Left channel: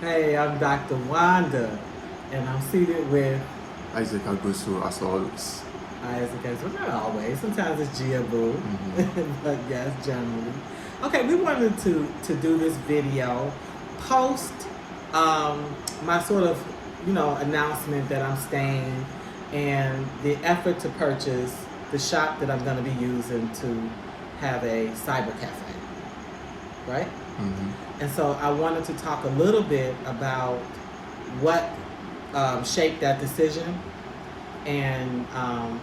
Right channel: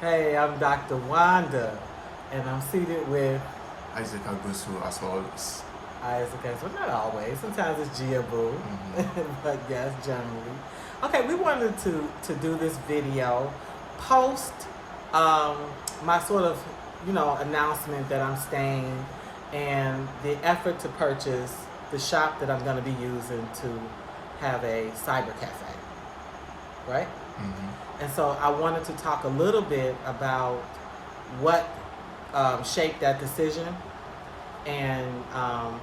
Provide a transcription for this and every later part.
Hey, I'm Dr. Wanda, and I'm seated with Isaac Agusu as always. Isaac. Well, not always. Sometimes it's Gia Boo, Hmm. but yes, generally. Okay, we wanted to do this video post my sort of announcement that I'm staying and the effort to purchase the shop that I'm going to be using to have a cyber cafe, right? Hmm. And so I wanted to talk a little bit about what shaped that decision and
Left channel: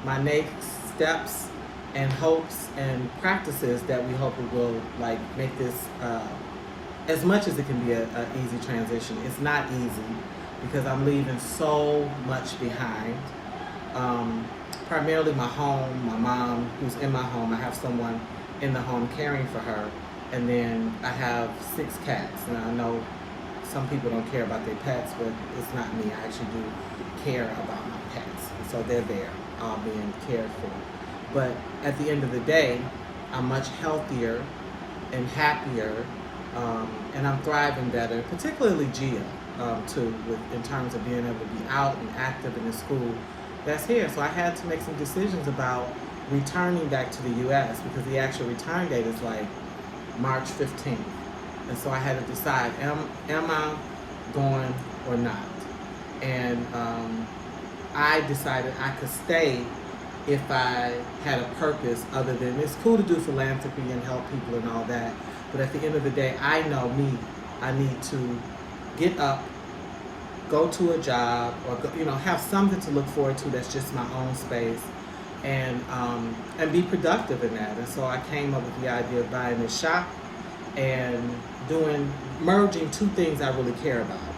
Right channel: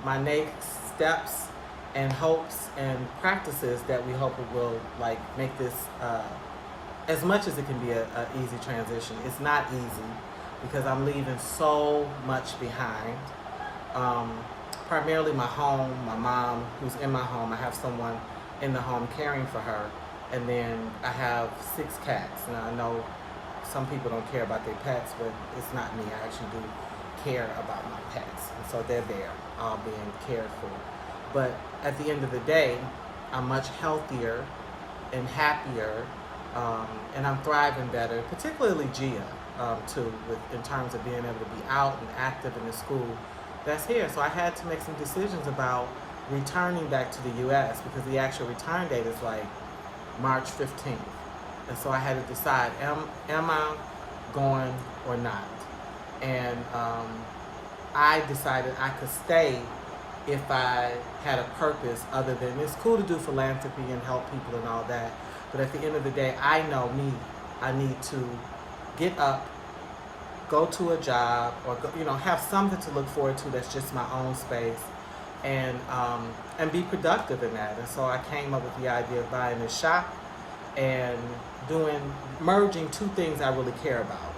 my next steps and hopes and practices that we hope it will like make this as much as it can be a easy transition. It's not easy because I'm leaving so much behind. Um, Primarily my home, my mom who's in my home. I have someone in the home caring for her, and then I have 6 cats. Now I know some people don't care about their pets, but it's not me. I actually do care about my pets, and so they're there, all being cared for. But at the end of the day, I'm much healthier and happier, and I'm thriving better, particularly Gia, too, in terms of being able to be out and active in the school that's here. So I had to make some decisions about returning back to the U.S. because the actual return date is like March 15th. And so I had to decide, am I going or not? And I decided I could stay if I had a purpose other than it's cool to do philanthropy and help people and all that. But at the end of the day, I know me. I need to get up, go to a job, or go, have something to look forward to that's just my own space, and be productive in that. And so I came up with the idea of buying a shop and merging two things I really care about,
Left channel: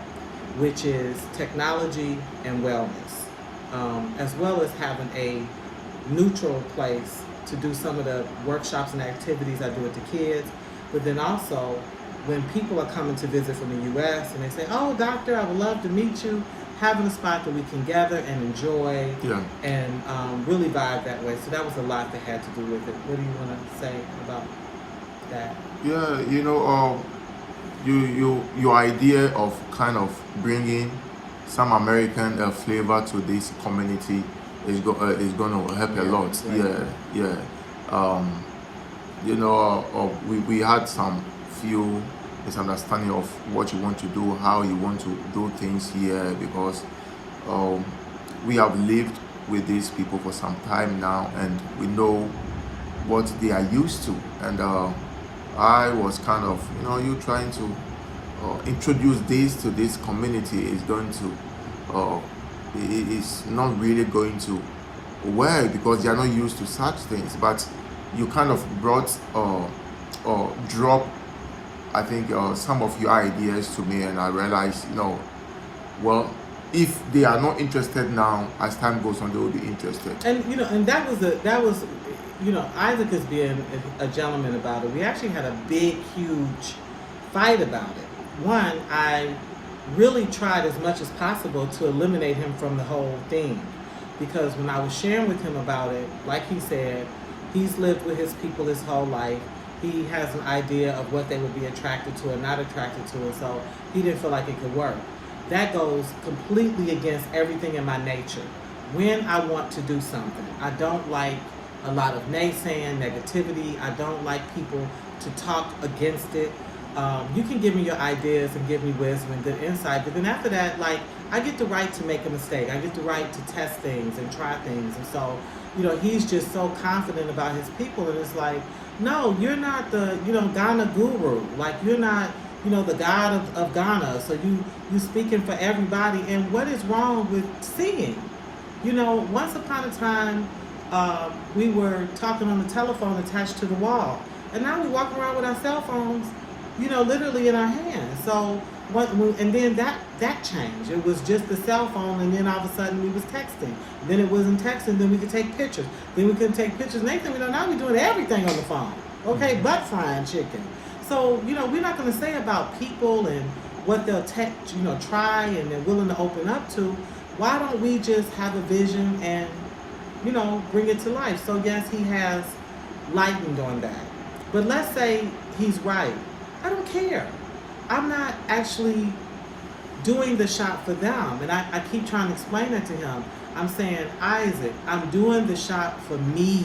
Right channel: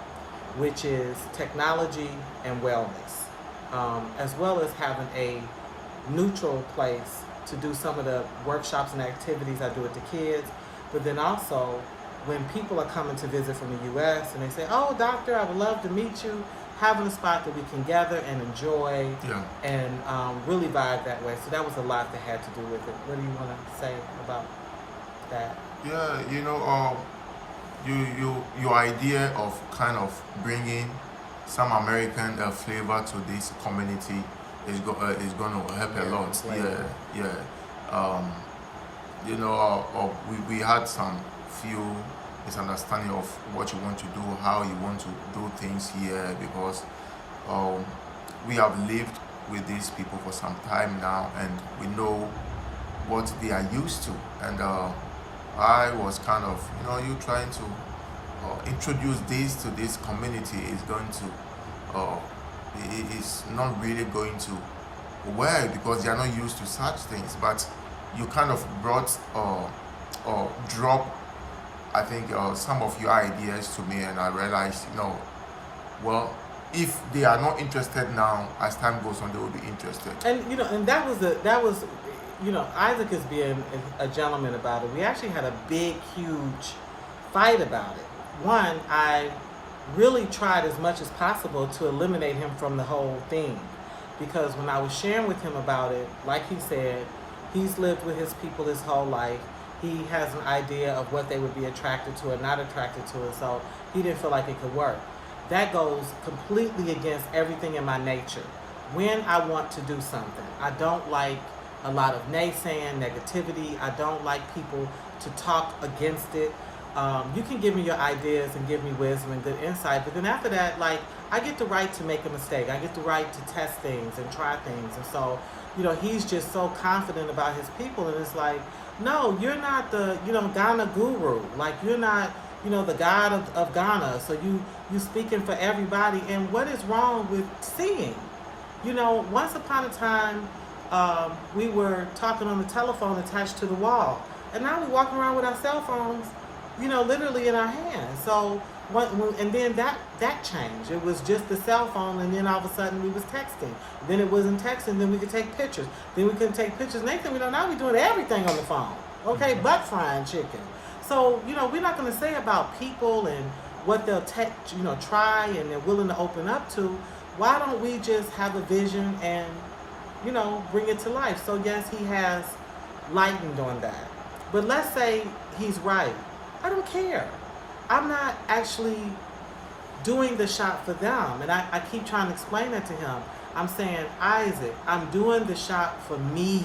which is technology and wellness, as well as having a neutral place to do some of the workshops and activities I do with the kids. But then also, when people are coming to visit from the U.S. and they say, "Oh, doctor, I would love to meet you," having a spot that we can gather and enjoy Yeah. and really vibe that way. So that was a lot that had to do with it. What do you want to say about that? Yeah, your idea of kind of bringing some American flavor to this community is going to help a Yeah, lot. great. Yeah, yeah. Um, we had some few misunderstanding of what you want to do, how you want to do things here, because um, we have lived with these people for some time now, and we know what they are used to. And I was kind of, you trying to introduce this to this community is going to, uh, is not really going to work because they are not used to such things. But you kind of brought drop, I think, some of your ideas to me, and I realized, well, if they are not interested now, as time goes on, they will be interested. And and that was Isaac is being a gentleman about it. We actually had a big, huge fight about it. One, I really tried as much as possible to eliminate him from the whole thing, because when I was sharing with him about it, like he said, he's lived with his people his whole life. He has an idea of what they would be attracted to and not attracted to, and so he didn't feel like it could work. That goes completely against everything in my nature. When I want to do something, I don't like a lot of naysaying, negativity. I don't like people to talk against it. You can give me your ideas and give me wisdom and good insight, but then after that, like, I get the right to make a mistake. I get the right to test things and try things. And so, he's just so confident about his people, and it's like, no, you're not the, Ghana guru. Like, you're not, the God of Ghana. So you speaking for everybody. And what is wrong with singing? Once upon a time, we were talking on the telephone attached to the wall, and now we're walking around with our cell phones, literally in our hands. So and then that changed. It was just the cell phone, and then all of a sudden we was texting. Then it wasn't texting. Then we could take pictures. Then we couldn't take pictures. Next thing we know, now we're doing everything on the phone. Okay, Mhm. butt frying chicken. So we're not going to say about people and what they'll try and they're willing to open up to. Why don't we just have a vision and bring it to life? So yes, he has lightened on that. But let's say he's right. I don't care. I'm not actually doing the shop for them. And I keep trying to explain that to him. I'm saying, Isaac, I'm doing the shop for me.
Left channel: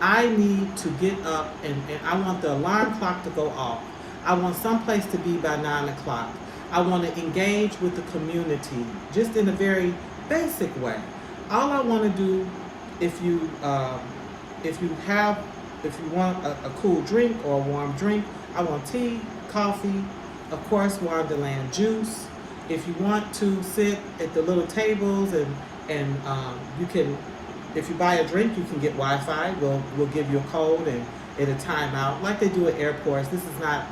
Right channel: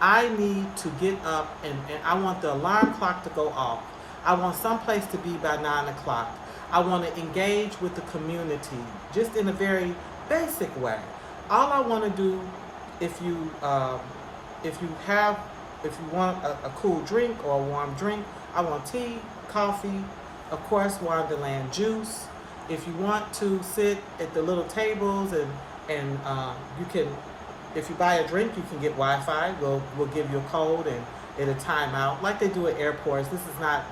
I need to get up and I want the alarm clock to go off. I want someplace to be by 9 o'clock. I want to engage with the community just in a very basic way. All I want to do, if you want a cool drink or a warm drink, I want tea, coffee, of course, Wonderland juice. If you want to sit at the little tables and you can, if you buy a drink, you can get Wi-Fi. We'll give you a code and it'll time out like they do at airports. This is not,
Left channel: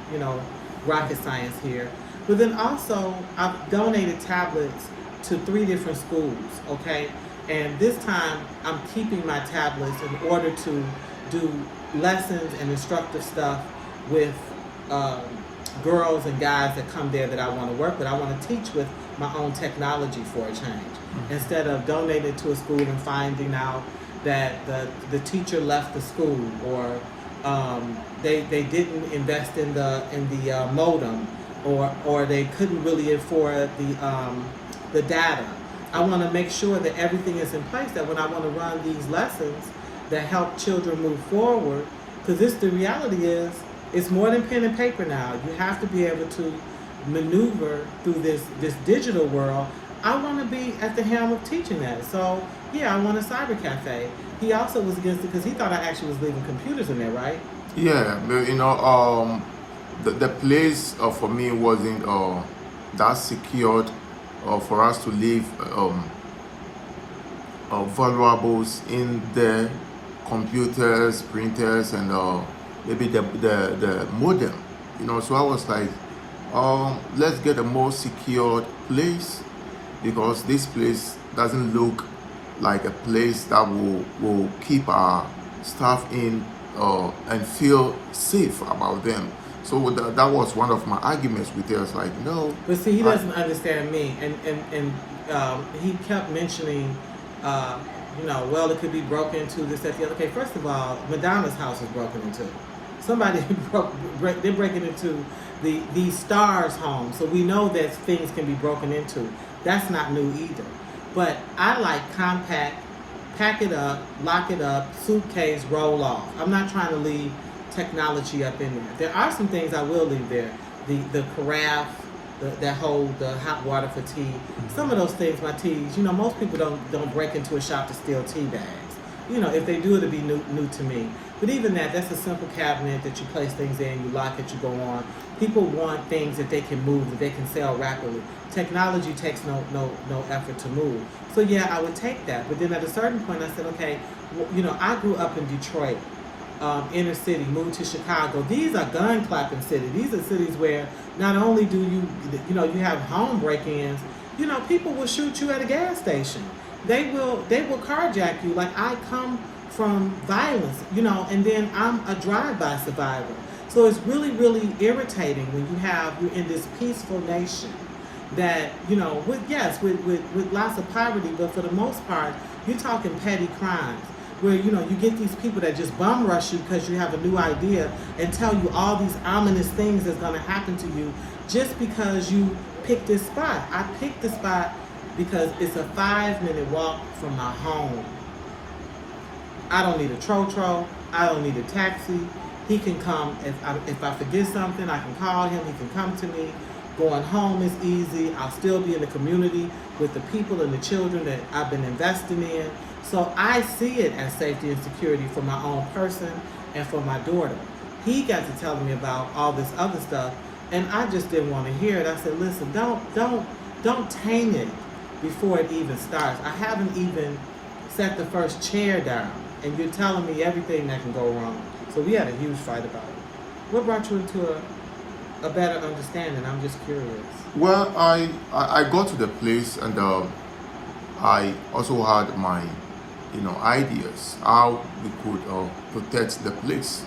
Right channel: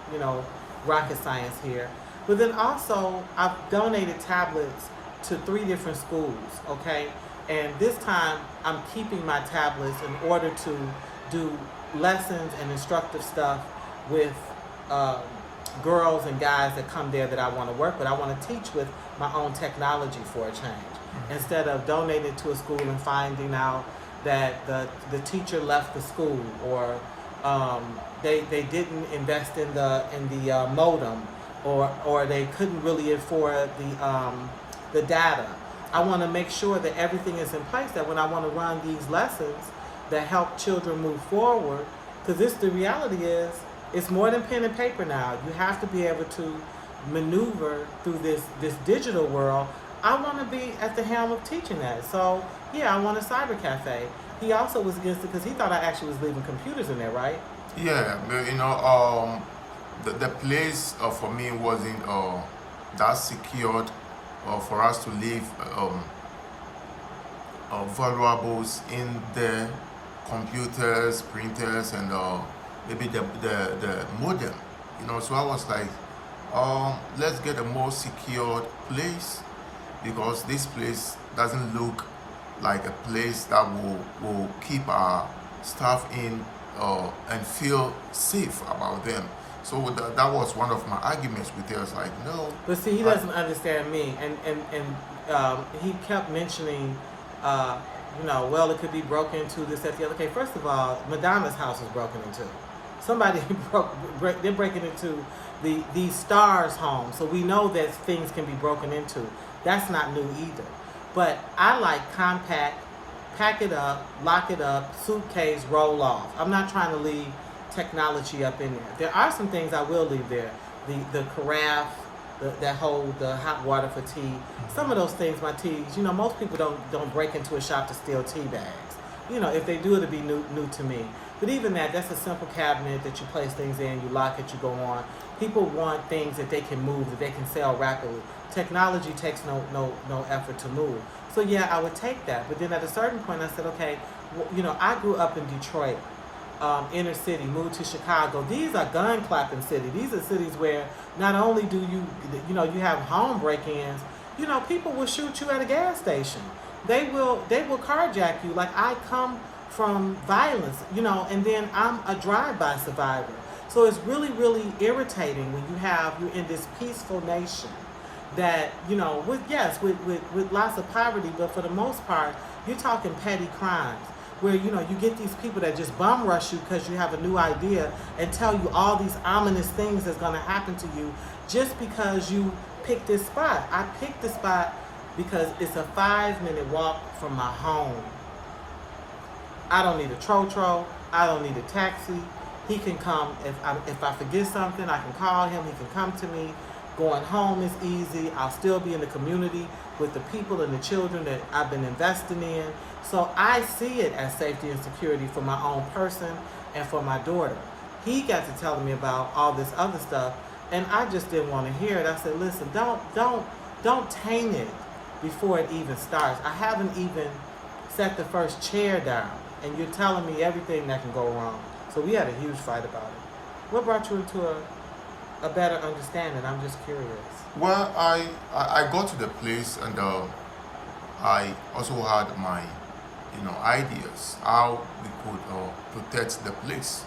rocket science here. But then also, I've donated tablets to 3 different schools, okay? And this time, I'm keeping my tablets in order to do lessons and instructive stuff with girls and guys that come there that I want to work with. I want to teach with my own technology for a change. Mm-hmm. Instead of donating to a school and finding out that the teacher left the school or they didn't invest in the modem or they couldn't really afford the data. I want to make sure that everything is in place, that when I want to run these lessons that help children move forward, because the reality is, it's more than pen and paper now. You have to be able to maneuver through this digital world. I want to be at the helm of teaching that. So, yeah, I want a cyber cafe. He also was against it because he thought I actually was leaving computers in there, right? Yeah, but the place for me wasn't that secured for us to leave valuables in the computers, printers, and maybe the modem. So I was like, let's get a more secured place, because this place doesn't look like a place that will keep our staff in and feel safe about them. So that was one of my arguments with her. It's like, no. But see, he doesn't understand me, and he kept mentioning, well, it could be broken into, this, that, the other. Okay, first of all, Madonna's house is broken into. Somebody they're breaking into the Stars' home, so we know that things can be broken into. That's not new either. But I like compact, pack it up, lock it up, suitcase, roll off. I'm not trying to leave technology up in there. There are some things I will leave there. The carafe that hold the hot water for tea. Some of those things, my teas, most people don't break into a shop to steal tea bags. If they do, it'll be new to me. But even that's a simple cabinet that you place things in, you lock it, you go on. People want things that they can move, that they can sell rapidly. Technology takes no effort to move. So yeah, I would take that. But then at a certain point, I said, okay, I grew up in Detroit, inner city, moved to Chicago. These are gun clapping cities. These are cities where not only do you have home break-ins, people will shoot you at a gas station. They will carjack you. Like, I come from violence, and then I'm a drive-by survivor. So it's really, really irritating when you're in this peaceful nation that, with lots of poverty, but for the most part, you're talking petty crimes where, you get these people that just bum rush you because you have a new idea and tell you all these ominous things that's going to happen to you just because you picked this spot. I picked this spot because it's a 5-minute walk from my home. I don't need a trotro. I don't need a taxi. He can come. If I forget something, I can call him. He can come to me. Going home is easy. I'll still be in the community with the people and the children that I've been investing in. So I see it as safety and security for my own person and for my daughter. He got to telling me about all this other stuff, and I just didn't want to hear it. I said, listen, don't taint it before it even starts. I haven't even set the first chair down, and you're telling me everything that can go wrong. So we had a huge fight about it. What brought you into a better understanding? I'm just curious. Well, I got to the place, and I also had my ideas how we could protect the place.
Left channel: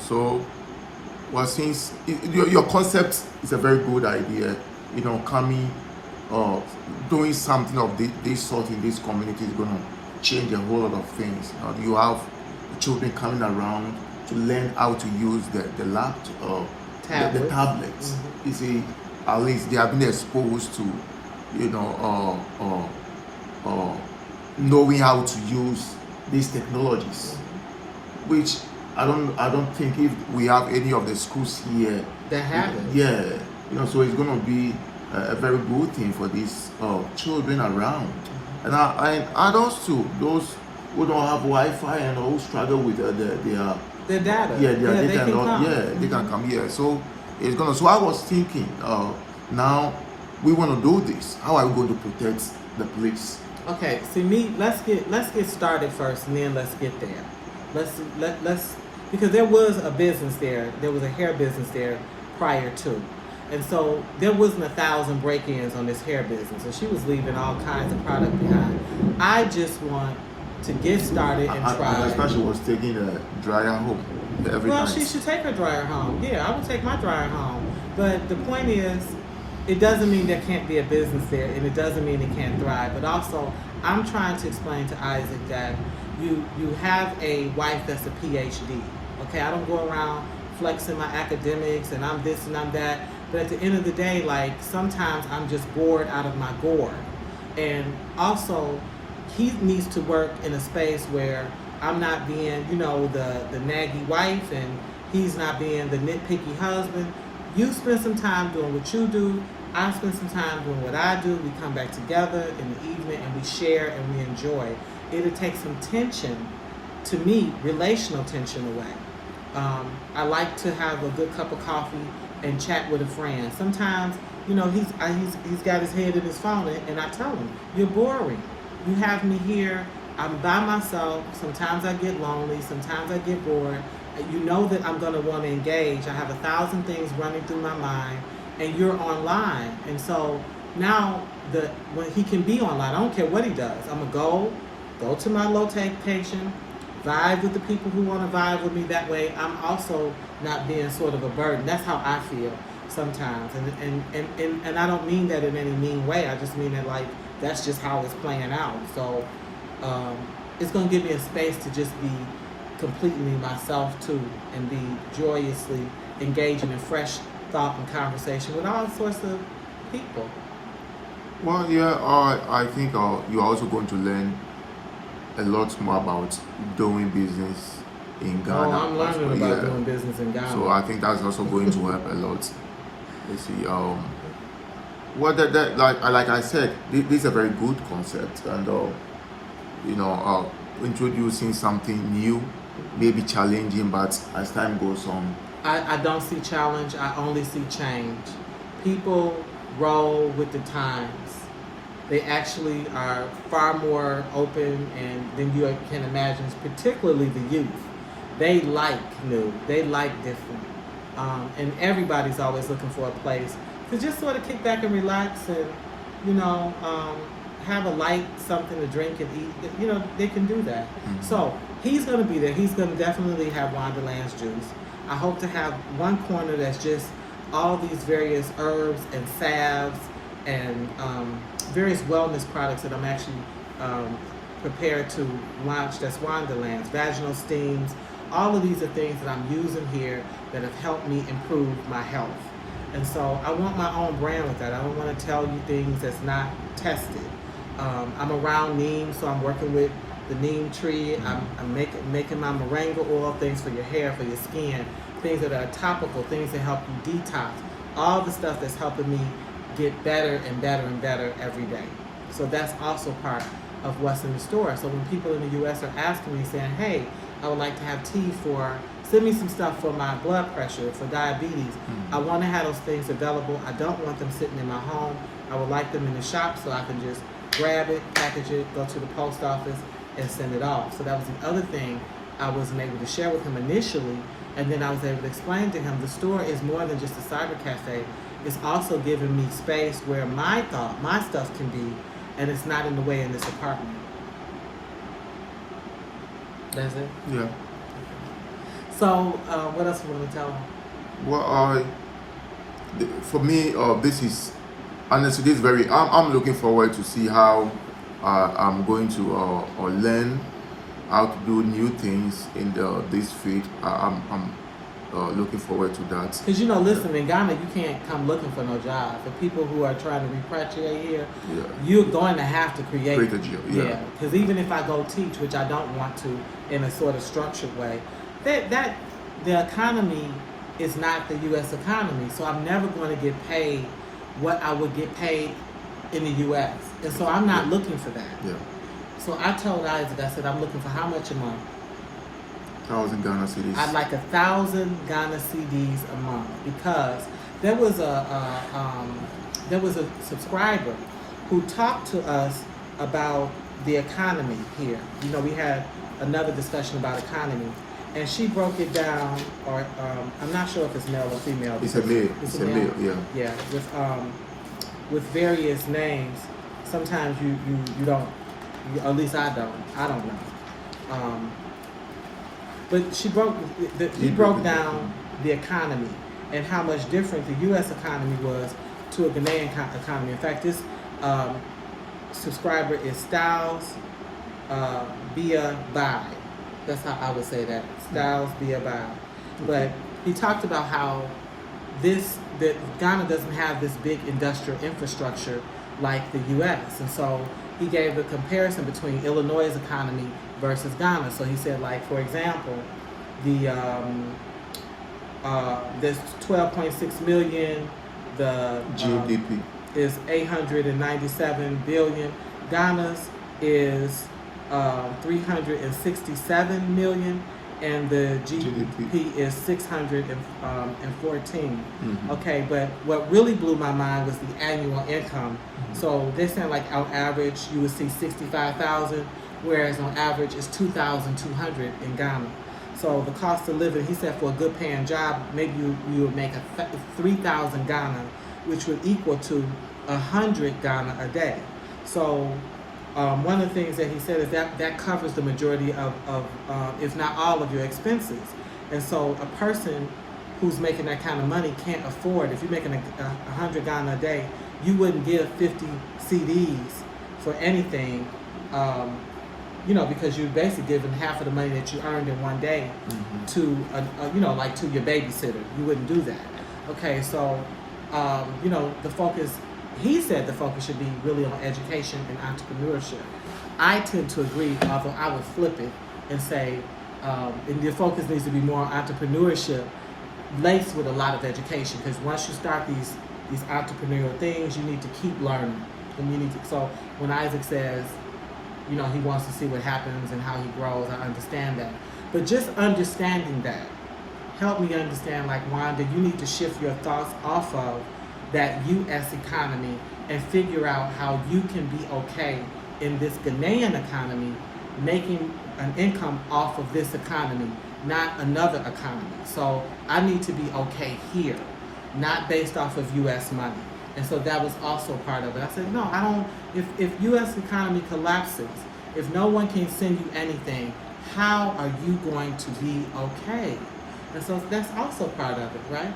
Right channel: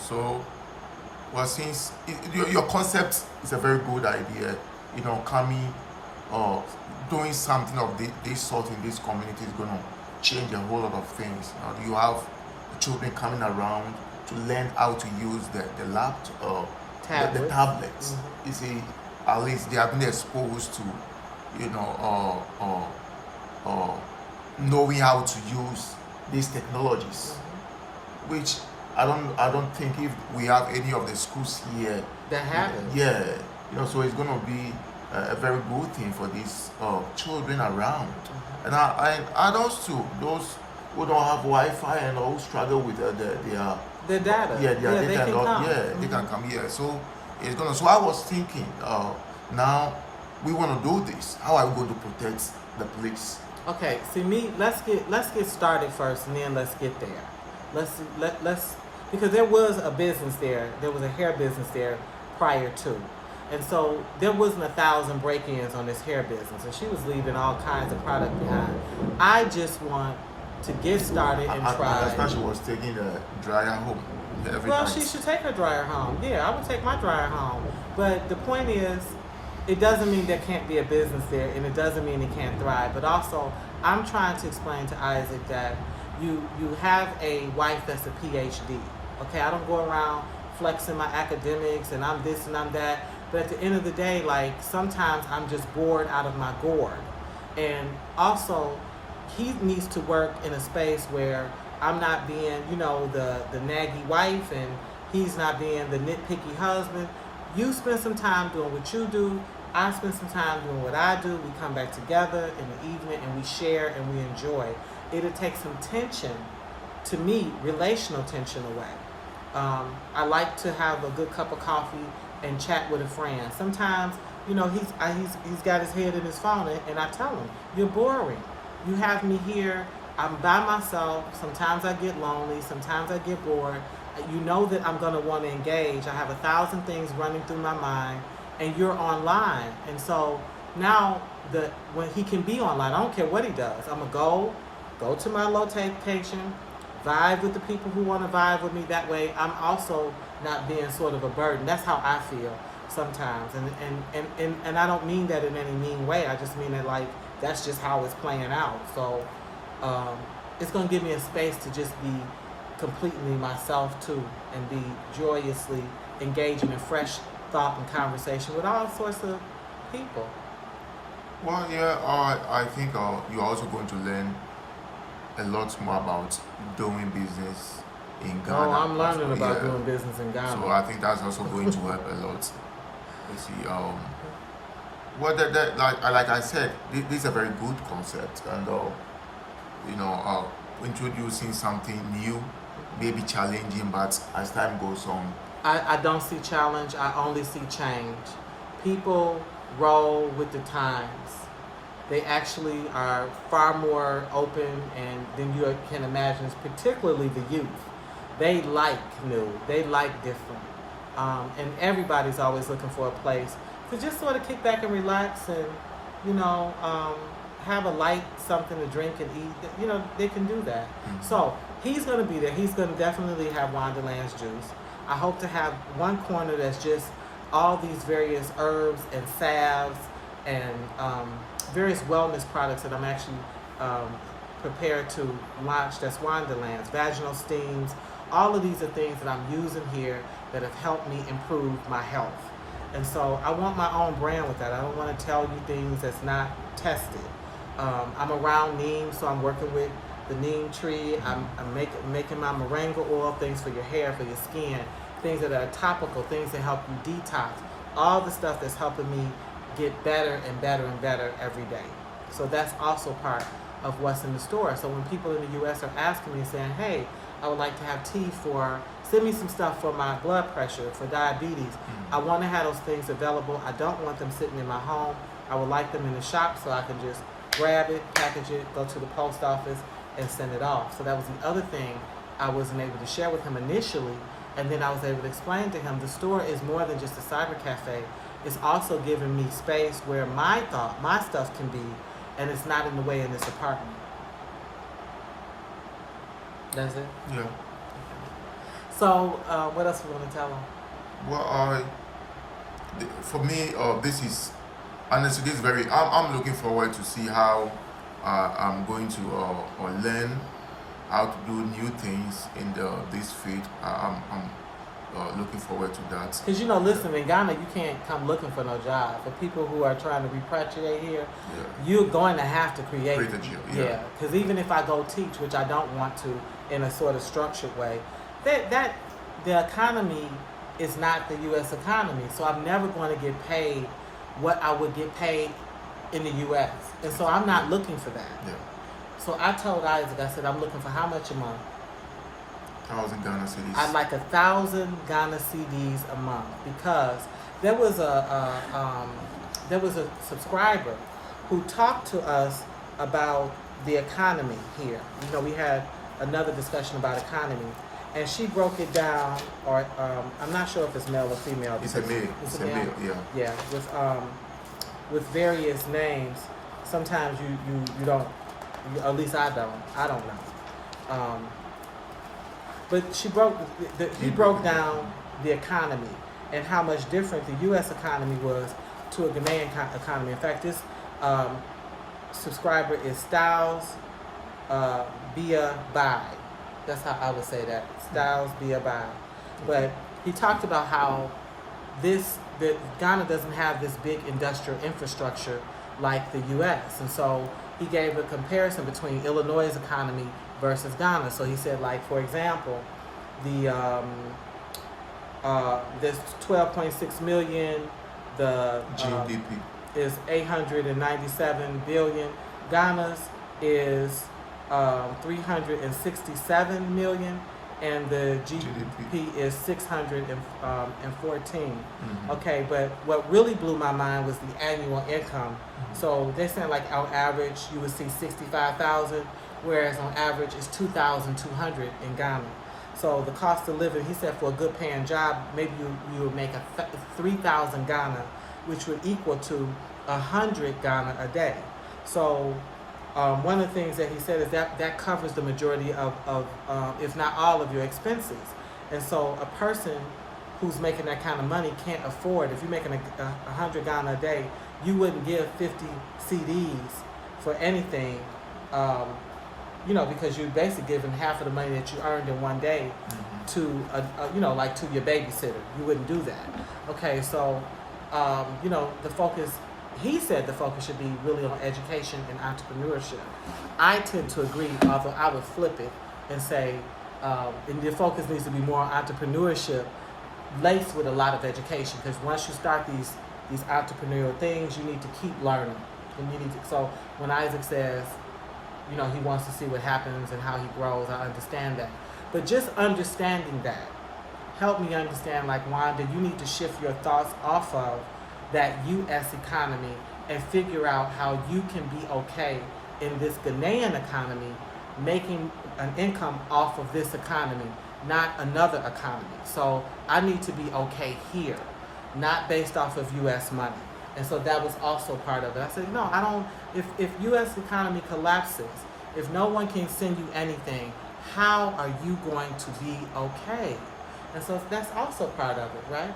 So since your concept is a very good idea, coming doing something of this sort in this community is going to change a whole lot of things. You have children coming around to learn how to use the laptop, the tablets. Mm-hmm. You see, at least they have been exposed to, you know, knowing how to use these technologies, which I don't think if we have any of the schools here That have it. yeah, so it's gonna be a very good thing for these children around, and adults too, those who don't have Wi-Fi and who struggle with their The data. their Yeah, data they can and all, come. they can come here. So it's gonna. So I was thinking, now we want to do this. How are we going to protect the place? Okay, see let's get started first, and then let's get there. Let's because there was a business there. There was a hair business there prior to, and so there wasn't 1,000 break-ins on this hair business, and she was leaving all kinds of product behind. I just want to get started and try. I understand she was taking a dryer home every Well, night. she should take her dryer home. Yeah, I would take my dryer home. But the point is, it doesn't mean there can't be a business there, and it doesn't mean it can't thrive. But also, I'm trying to explain to Isaac that you have a wife that's a PhD. Okay, I don't go around flexing my academics and I'm this and I'm that. But at the end of the day, like sometimes I'm just bored out of my gourd. And also, he needs to work in a space where I'm not being, the naggy wife, and he's not being the nitpicky husband. You spend some time doing what you do. I spend some time doing what I do. We come back together in the evening and we share and we enjoy. It'll take some tension, to me, relational tension away. I like to have a good cup of coffee and chat with a friend. Sometimes, he's got his head in his phone, and I tell him, "You're boring. You have me here. I'm by myself. Sometimes I get lonely. Sometimes I get bored. You know that I'm going to want to engage. I have 1,000 things running through my mind, and you're online." And so now when he can be online, I don't care what he does. I'm gonna go to my location, vibe with the people who want to vibe with me. That way, I'm also not being sort of a burden. That's how I feel sometimes, and I don't mean that in any mean way. I just mean that that's just how it's playing out. So it's gonna give me a space to just be completely myself too, and be joyously engaging in fresh thought and conversation with all sorts of people. Well, yeah, I think you're also going to learn a lot more about doing business in Ghana. Oh, I'm learning about doing business in Ghana. So I think that's also going to help a lot. Let's see. Like I said, this is a very good concept, and introducing something new, maybe challenging, but as time goes on. I don't see challenge. I only see change. People roll with the times. They actually are far more open than you can imagine, particularly the youth. They like new. They like different. And everybody's always looking for a place to just sort of kick back and relax and, have a light something to drink and eat. They can do that. Mm-hmm. So he's going to be there. He's going to definitely have Wonderland's juice. I hope to have one corner that's just all these various herbs and salves and various wellness products that I'm actually prepared to launch. That's Wonderlands, vaginal steams. All of these are things that I'm using here that have helped me improve my health. And so I want my own brand with that. I don't want to tell you things that's not tested. I'm around neem, so I'm working with the neem tree. I'm making my moringa oil, things for your hair, for your skin, things that are topical, things that help you detox. All the stuff that's helping me get better and better and better every day. So that's also part of what's in the store. So when people in the U.S. are asking me, saying, "Hey, I would like to have tea send me some stuff for my blood pressure, for diabetes." Mm-hmm. I want to have those things available. I don't want them sitting in my home. I would like them in the shop so I can just grab it, package it, go to the post office, and send it off. So that was the other thing I wasn't able to share with him initially. And then I was able to explain to him the store is more than just a cyber cafe. It's also giving me space where my stuff can be, and it's not in the way in this apartment. That's it? Yeah. So, what else you want to tell him? Well, for me, this is, honestly, this is very, I'm looking forward to see how I'm going to learn how to do new things in this field. looking forward to that. Because, listen, in Ghana, you can't come looking for no job. For people who are trying to repatriate here, you're going to have to create a job. Yeah. Because even if I go teach, which I don't want to in a sort of structured way, that the economy is not the U.S. economy. So I'm never going to get paid what I would get paid in the U.S. And so I'm not looking for that. Yeah. So I told Isaac, I said, I'm looking for how much a month? 1,000 Ghana cedis. I'd like 1,000 Ghana cedis a month, because there was a subscriber who talked to us about the economy here. We had another discussion about economy, and she broke it down, or I'm not sure if it's male or female. It's a male. It's a male. Yeah. Yeah, with various names. Sometimes you don't. At least I don't know. But he broke down the economy and how much different the U.S. economy was to a Ghanaian economy. In fact, this subscriber is Styles Bia Bai. That's how I would say that. Styles Bia Bai. But he talked about how that Ghana doesn't have this big industrial infrastructure like the U.S. And so he gave a comparison between Illinois' economy versus Ghana. So he said, like, for example, there's 12.6 million, the GDP is 897 billion. Ghana's is 367 million, and the GDP is 614. Okay, but what really blew my mind was the annual income. So they're saying, like, on average you would see 65,000, whereas on average it's 2,200 in Ghana. So the cost of living, he said, for a good paying job, maybe you would make 3,000 Ghana, which would equal to 100 Ghana a day. So one of the things that he said is that covers the majority of if not all of your expenses. And so a person who's making that kind of money can't afford, if you're making 100 Ghana a day, you wouldn't give 50 CDs for anything, because you're basically giving half of the money that you earned in one day to, like to your babysitter. You wouldn't do that. Okay, so, the focus, he said the focus should be really on education and entrepreneurship. I tend to agree, although I would flip it and say, and the focus needs to be more on entrepreneurship, laced with a lot of education, because once you start these entrepreneurial things, you need to keep learning, and you need to. So when Isaac says, he wants to see what happens and how he grows, I understand that. But just understanding that, help me understand, like, Wanda, you need to shift your thoughts off of that U.S. economy and figure out how you can be okay in this Ghanaian economy, making an income off of this economy, not another economy. So I need to be okay here, not based off of U.S. money. And so that was also part of it. I said, no, I don't, if U.S. economy collapses, if no one can send you anything, how are you going to be okay? And so that's also part of it, right?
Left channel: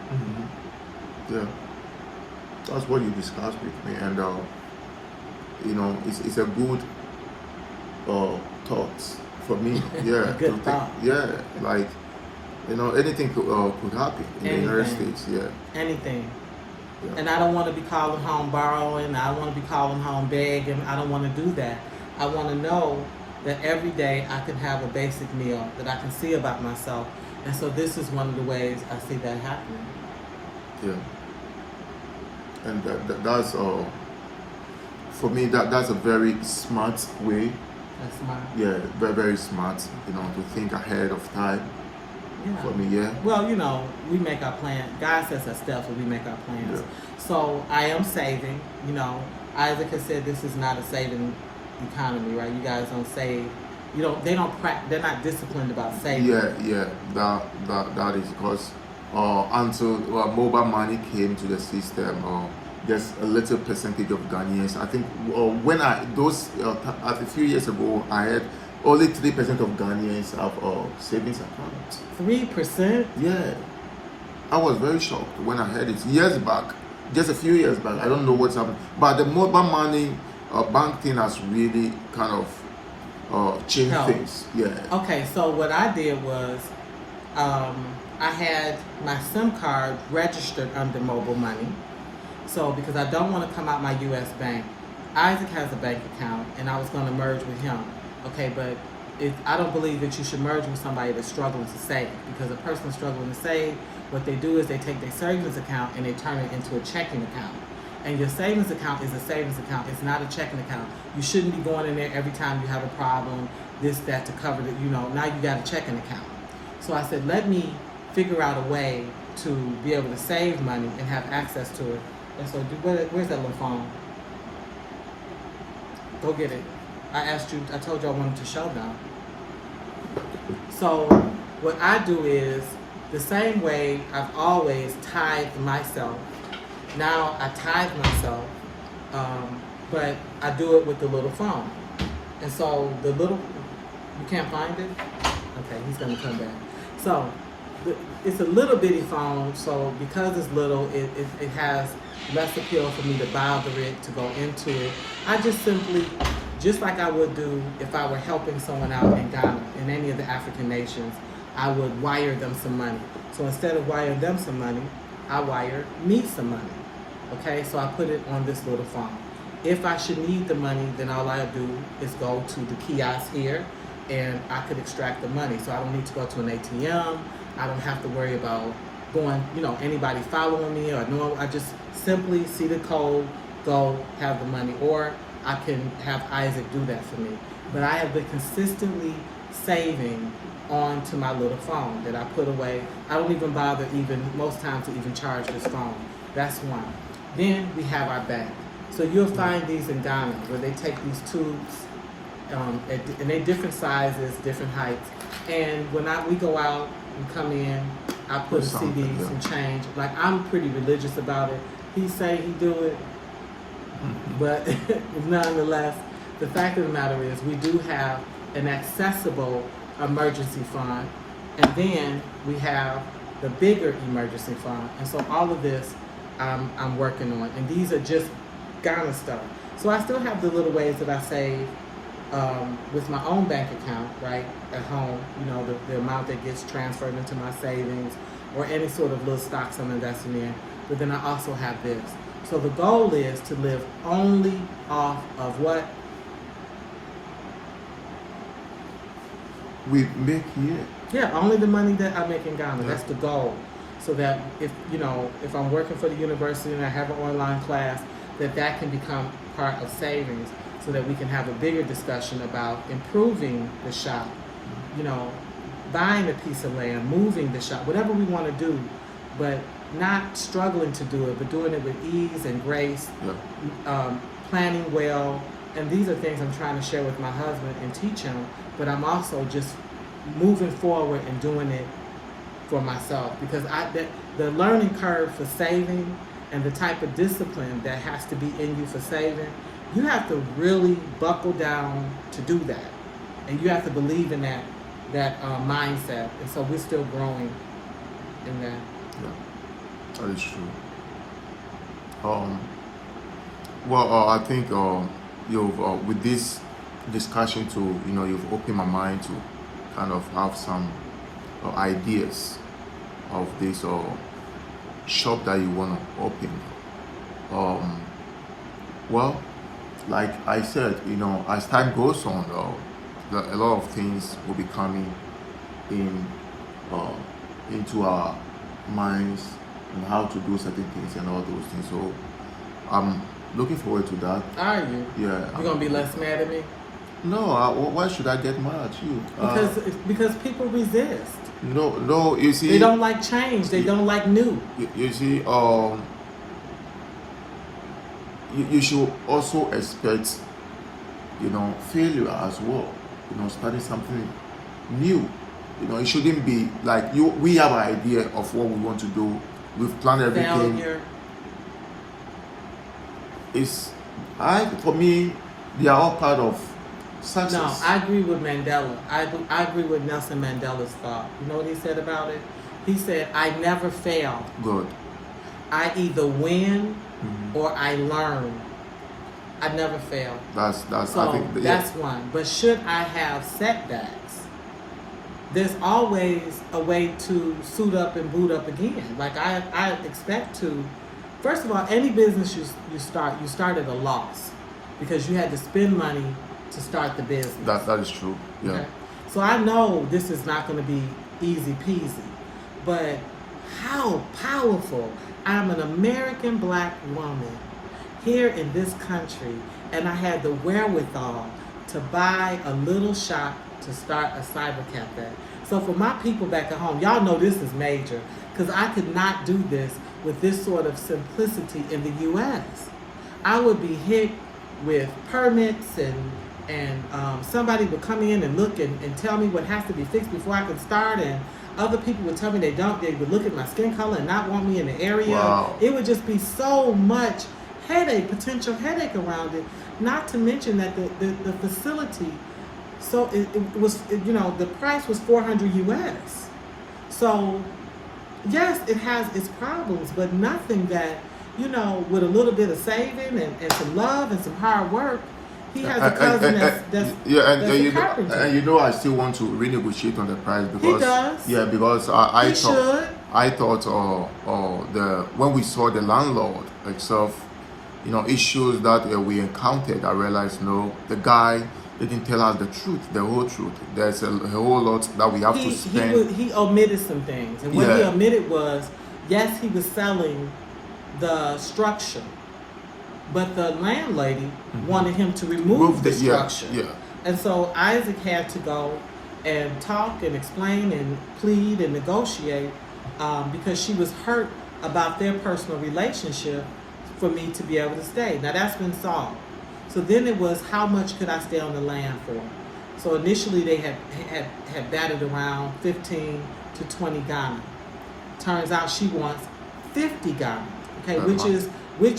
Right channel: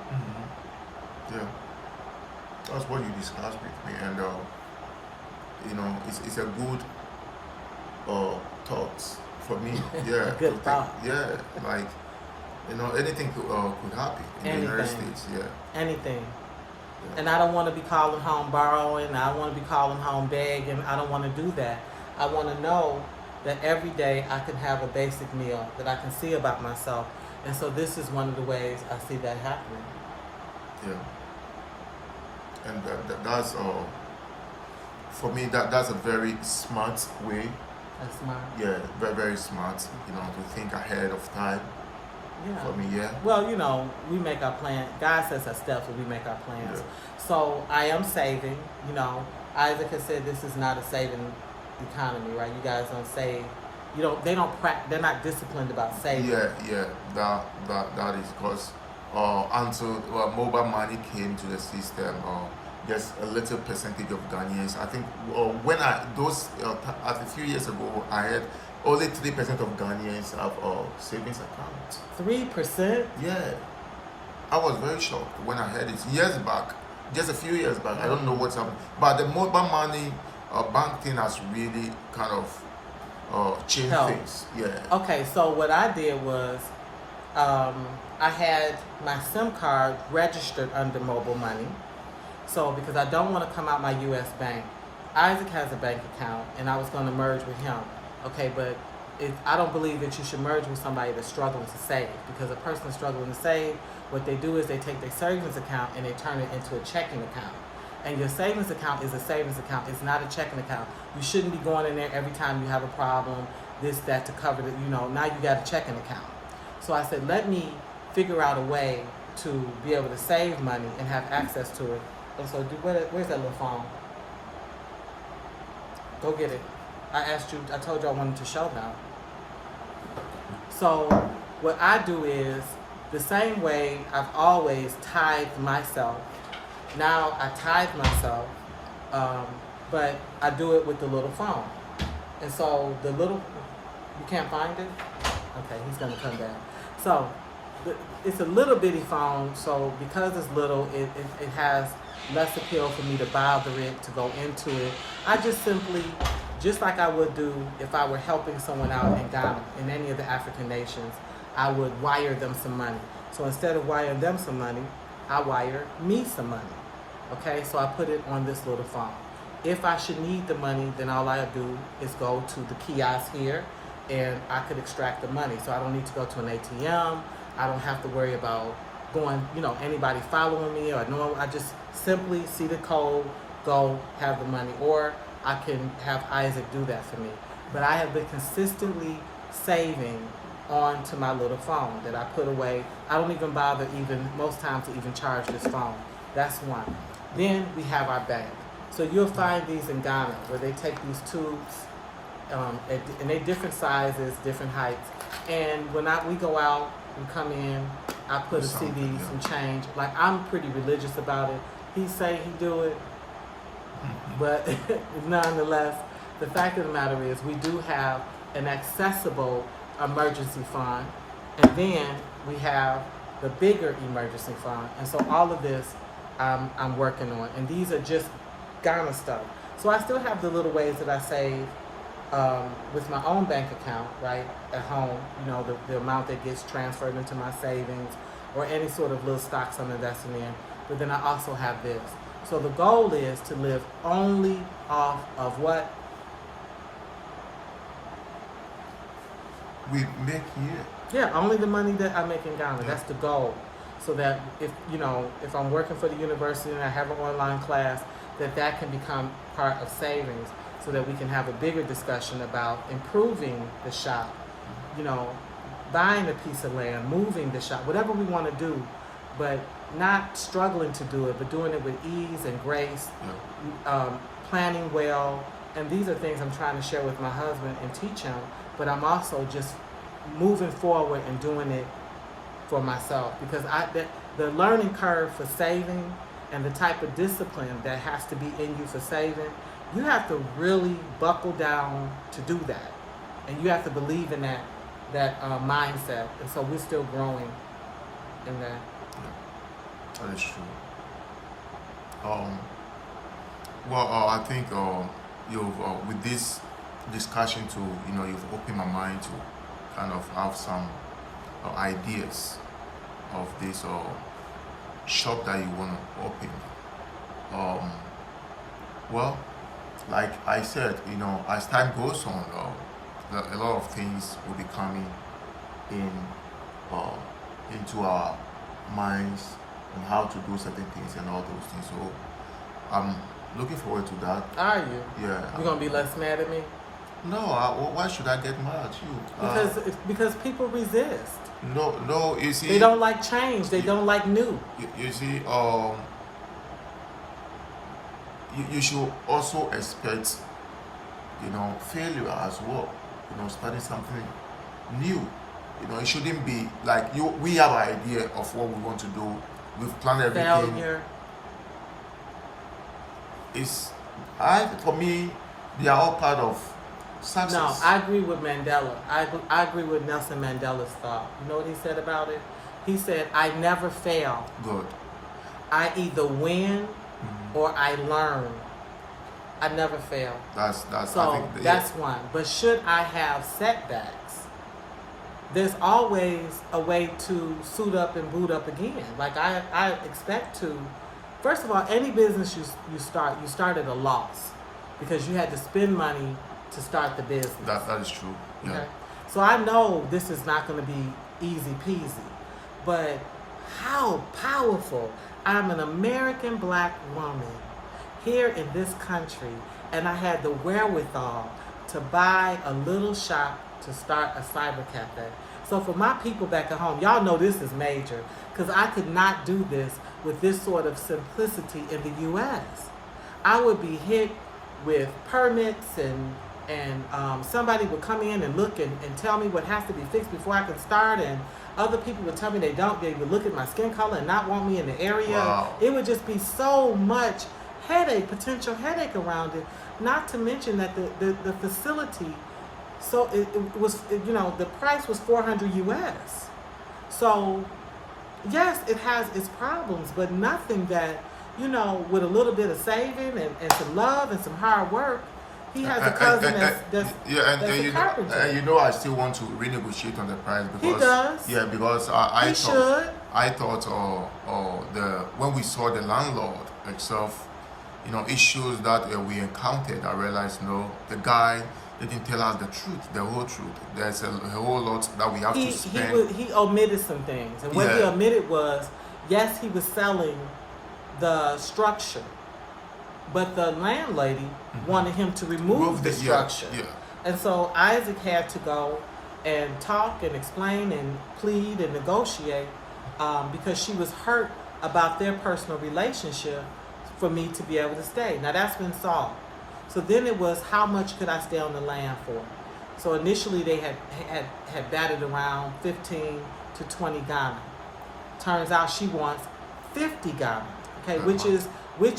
Yeah. That's what you discussed with me, and it's a good thoughts for me. Yeah, good thought. Yeah, like, anything could happen in the United States. Yeah, anything. Yeah. And I don't want to be calling home borrowing. I don't want to be calling home begging. I don't want to do that. I want to know that every day I can have a basic meal, that I can see about myself. And so this is one of the ways I see that happening. Yeah. And that's for me, that's a very smart way. That's smart. Yeah, very, very smart, to think ahead of time. Yeah. For me, yeah. Well, we make our plan. God sets us steps and we make our plans. Yeah. So I am saving, Isaac has said this is not a saving economy, right? You guys don't save. They're not disciplined about saving. Yeah, that is because until mobile money came to the system, just a little percentage of Ghanaians. I think when a few years ago, I had only 3% of Ghanaians have savings accounts. 3%? Yeah, I was very shocked when I heard it years back, just a few years back. I don't know what's happened, but the mobile money bank thing has really kind of changed things. Yeah. Okay, so what I did was, I had my SIM card registered under mobile money. So because I don't want to come out my U.S. bank, Isaac has a bank account, and I was going to merge with him. Okay, but I don't believe that you should merge with somebody that's struggling to save, because a person struggling to save, what they do is they take their savings account and they turn it into a checking account. And your savings account is a savings account. It's not a checking account. You shouldn't be going in there every time you have a problem, this, that, to cover it. Now you got a checking account. So I said, let me figure out a way to be able to save money and have access to it. And so, where's that little phone? Go get it. I told you I wanted to show them. So what I do is the same way I've always tithed myself. Now I tithe myself, but I do it with the little phone. And so you can't find it? Okay, he's gonna come back. So it's a little bitty phone, so because it's little, it has less appeal for me to bother it, to go into it. I just simply, just like I would do if I were helping someone out in Ghana, in any of the African nations, I would wire them some money. So instead of wiring them some money, I wire me some money. Okay, so I put it on this little phone. If I should need the money, then all I do is go to the kiosk here, and I could extract the money. So I don't need to go to an ATM. I don't have to worry about anybody following me or no. I just simply see the code, go have the money, or I can have Isaac do that for me. But I have been consistently saving onto my little phone that I put away. I don't even bother most times to even charge this phone. That's one. Then we have our bank. So you'll find these in Ghana where they take these tubes, and they're different sizes, different heights. And when we go out and come in, I put a CDs and change. Like, I'm pretty religious about it. He say he do it, but nonetheless, the fact of the matter is we do have an accessible emergency fund, and then we have the bigger emergency fund. And so all of this I'm working on, and these are just Ghana stuff. So I still have the little ways that I save with my own bank account, right, at home, the amount that gets transferred into my savings or any sort of little stocks I'm investing in. But then I also have this. So the goal is to live only off of what we make here. Yeah, only the money that I make in Ghana. Yeah. That's the goal. So that if I'm working for the university and I have an online class, that can become part of savings, so that we can have a bigger discussion about improving the shop, buying a piece of land, moving the shop, whatever we want to do, but not struggling to do it, but doing it with ease and grace, planning well. And these are things I'm trying to share with my husband and teach him, but I'm also just moving forward and doing it for myself, because the learning curve for saving and the type of discipline that has to be in you for saving, you have to really buckle down to do that, and you have to believe in that mindset. And so we're still growing in that. Yeah, that is true. I think you've with this discussion too, you've opened my mind to kind of have some ideas of this shop that you want to open. Like I said, as time goes on, a lot of things will be coming into our minds on how to do certain things and all those things. So I'm looking forward to that. Are you? Yeah. You're gonna be less mad at me? No. Why should I get mad at you? Because people resist. No. You see, they don't like change. They don't like new. You see, you should also expect, failure as well. Starting something new. It shouldn't be like we have an idea of what we want to do. We've planned everything. Failure. For me, they are all part of success. No, I agree with Mandela. I agree with Nelson Mandela's thought. You know what he said about it? He said, I never fail. Good. I either win or I learn. I never fail. That's so I think that's one. But should I have setbacks? there's always a way to suit up and boot up again. Like I expect to. First of all, any business you start at a loss because you had to spend money to start the business. That is true. Yeah. Okay? So I know this is not going to be easy peasy, but how powerful. I'm an American black woman here in this country, and I had the wherewithal to buy a little shop to start a cyber cafe. So for my people back at home, y'all know this is major, because I could not do this with this sort of simplicity in the U.S. I would be hit with permits and somebody would come in and look and tell me what has to be fixed before I can start, and other people would tell me they would look at my skin color and not want me in the area. Wow. It would just be so much potential headache around it, not to mention that the facility, so it was, the price was $400 US. So yes, it has its problems, but nothing that, with a little bit of saving and some love and some hard work. He has a cousin that's a carpenter. And I still want to renegotiate on the price because he does. Yeah, because I thought when we saw the landlord itself, issues that we encountered, I realized the guy didn't tell us the truth, the whole truth. There's a whole lot that we have to spend. He omitted some things, and what he omitted was, yes, he was selling the structure, but the landlady wanted him to remove the structure. Yeah. And so Isaac had to go and talk and explain and plead and negotiate because she was hurt about their personal relationship for me to be able to stay. Now that's been solved. So then it was, how much could I stay on the land for? So initially they had batted around 15 to 20 Ghana. Turns out she wants 50 Ghana, okay, which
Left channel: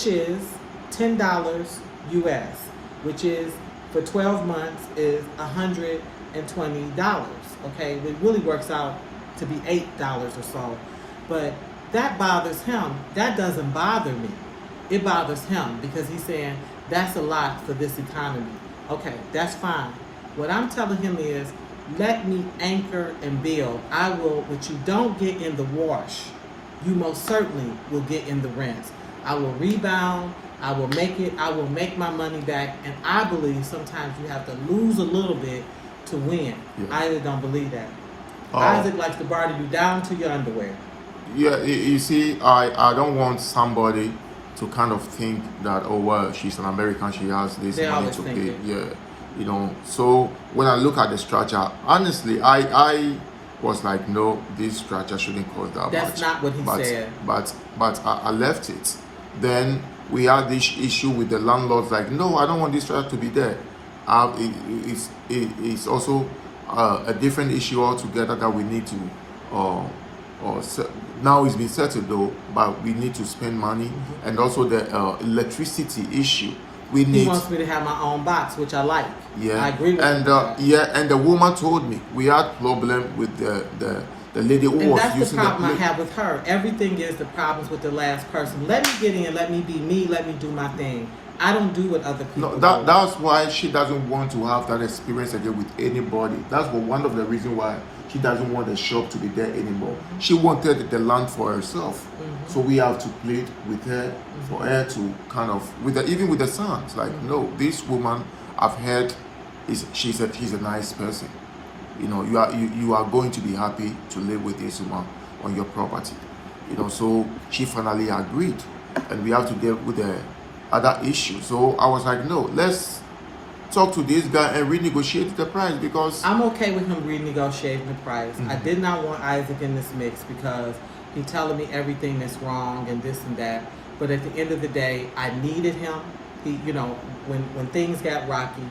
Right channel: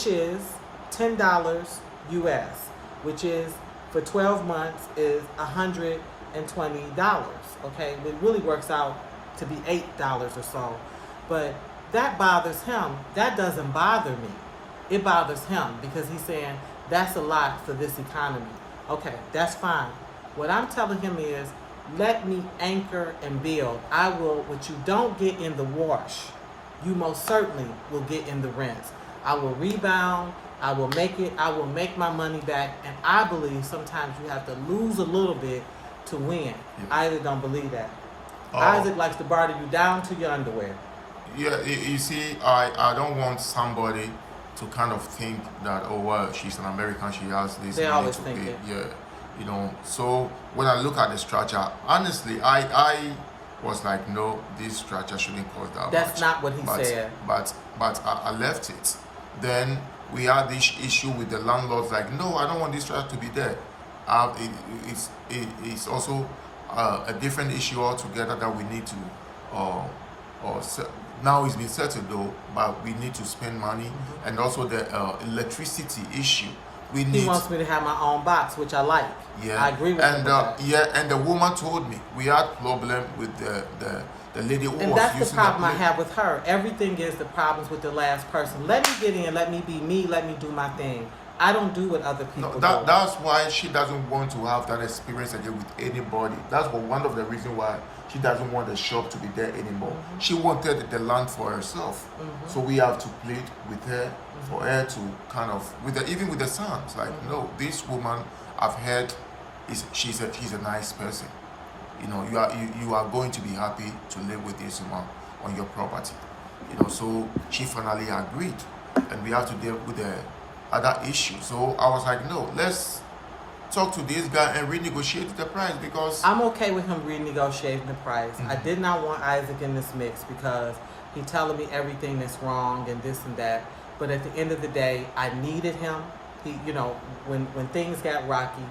is $10 US, which is for 12 months is $120. Okay, it really works out to be $8 or so, but that bothers him. That doesn't bother me. It bothers him because he's saying that's a lot for this economy. Okay, that's fine. What I'm telling him is, let me anchor and build. I will. What you don't get in the wash, you most certainly will get in the rinse. I will rebound. I will make it. I will make my money back. And I believe sometimes you have to lose a little bit to win. Yeah. I either don't believe that. Isaac likes to barter you down to your underwear. Yeah, you see, I don't want somebody to kind of think that, oh well, she's an American, she has this money to pay. Yeah, So when I look at the structure, honestly, I was like, no, this structure shouldn't cost that much. That's not what he said. But I left it. Then we had this issue with the landlords, like, no, I don't want this structure to be there. It's also a different issue altogether that we need to now it's been settled though, but we need to spend money, and also the electricity issue. He wants me to have my own box, which I like. Yeah, I agree with that. Yeah, and the woman told me we had problem with the lady who was that's using the problem I have with her. Everything is the problems with the last person. Let me get in, let me be me, let me do my thing. I don't do what other people do. That's why she doesn't want to have that experience again with anybody. That's one of the reasons why she doesn't want the shop to be there anymore. She wanted the land for herself. So we have to plead with her for her to kind of, even with the sons, like, no, this woman I've heard she's a nice person. You are going to be happy to live with this woman on your property. So she finally agreed, and we have to deal with the other issue. So I was like, no, let's talk to this guy and renegotiate the price, because I'm okay with him renegotiating the price. I did not want Isaac in this mix because he's telling me everything that's wrong and this and that. But at the end of the day, I needed him. He, when things got rocky,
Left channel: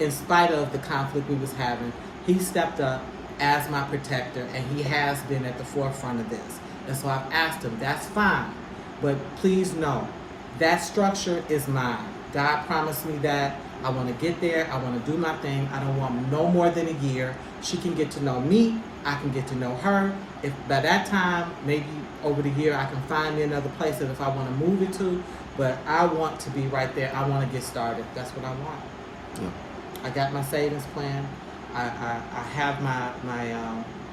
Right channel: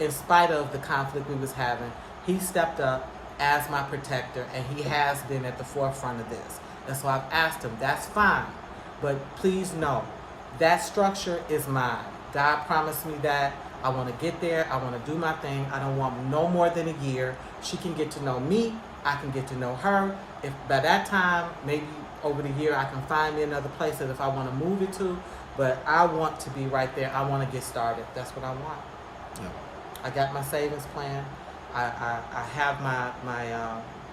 in spite of the conflict we was having, he stepped up as my protector, and he has been at the forefront of this. And so I've asked him, that's fine, but please know, that structure is mine. God promised me that. I want to get there. I want to do my thing. I don't want no more than a year. She can get to know me. I can get to know her. If by that time, maybe over the year, I can find me another place that if I want to move it to. But I want to be right there. I want to get started. That's what I want. Yeah. I got my savings plan. I have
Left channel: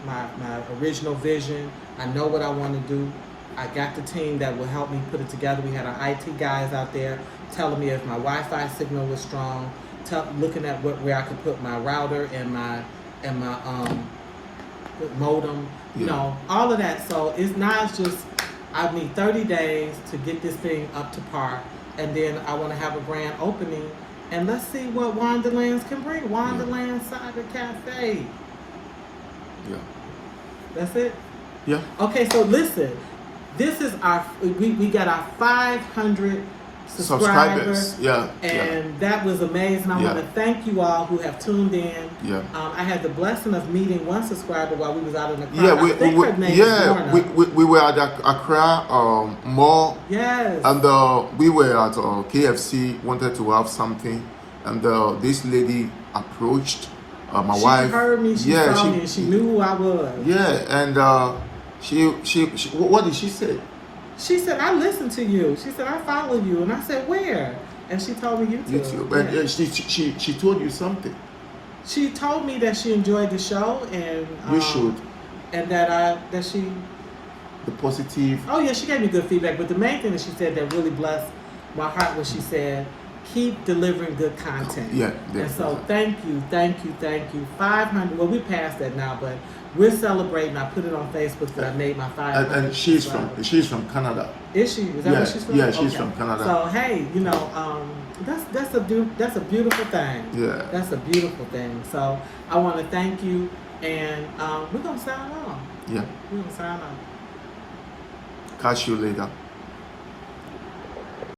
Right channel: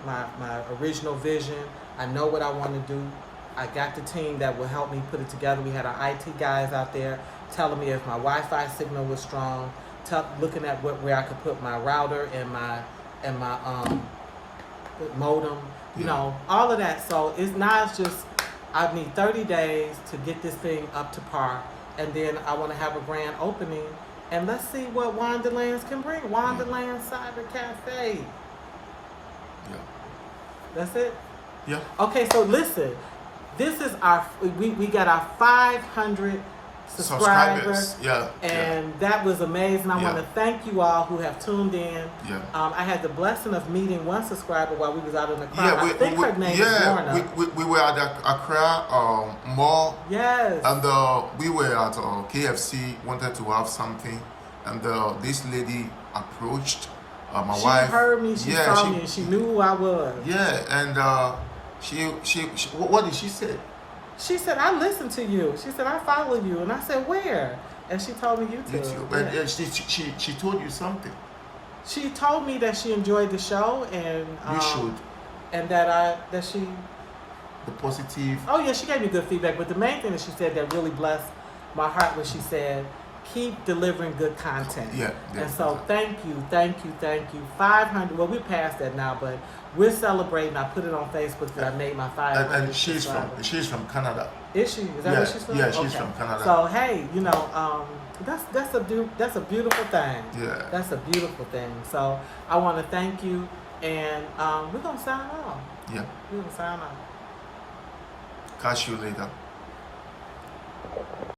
my original vision. I know what I want to do. I got the team that will help me put it together. We had our IT guys out there telling me if my Wi-Fi signal was strong, looking at where I could put my router and my modem, you know, all of that. So it's not just, I need 30 days to get this thing up to par, and then I want to have a grand opening, and let's see what Wonderlands can bring. Wonderland Cyber Cafe. Yeah. That's it? Yeah. Okay, so listen, this is we got our 500 subscribers. Yeah. And that was amazing. I want to thank you all who have tuned in. Yeah. I had the blessing of meeting one subscriber while we was out in the crowd. Yeah, we were at Accra mall. Yes. And we were at KFC, wanted to have something, and this lady approached my wife. She heard me, she saw me, she knew who I was. Yeah, and she what did she say? She said, I listen to you. She said, I follow you. And I said, where? And she told me YouTube. And she told you something. She told me that she enjoyed the show, and you should. And that she. The positive. Oh yeah, she gave me good feedback. But the main thing that she said that really blessed my heart was she said, keep delivering good content. Yeah. And so thank you. 500. Well, we passed that now, but we're celebrating. I put it on Facebook that I made my 500. And she's from Canada. Is she? Is that where she's from? Yeah, she's from Canada. So hey, you know, that's a beautiful thing. Yeah. That's a beautiful thing. So I want to thank you, and we're gonna sign off. Yeah. We're gonna sign off. Catch you later.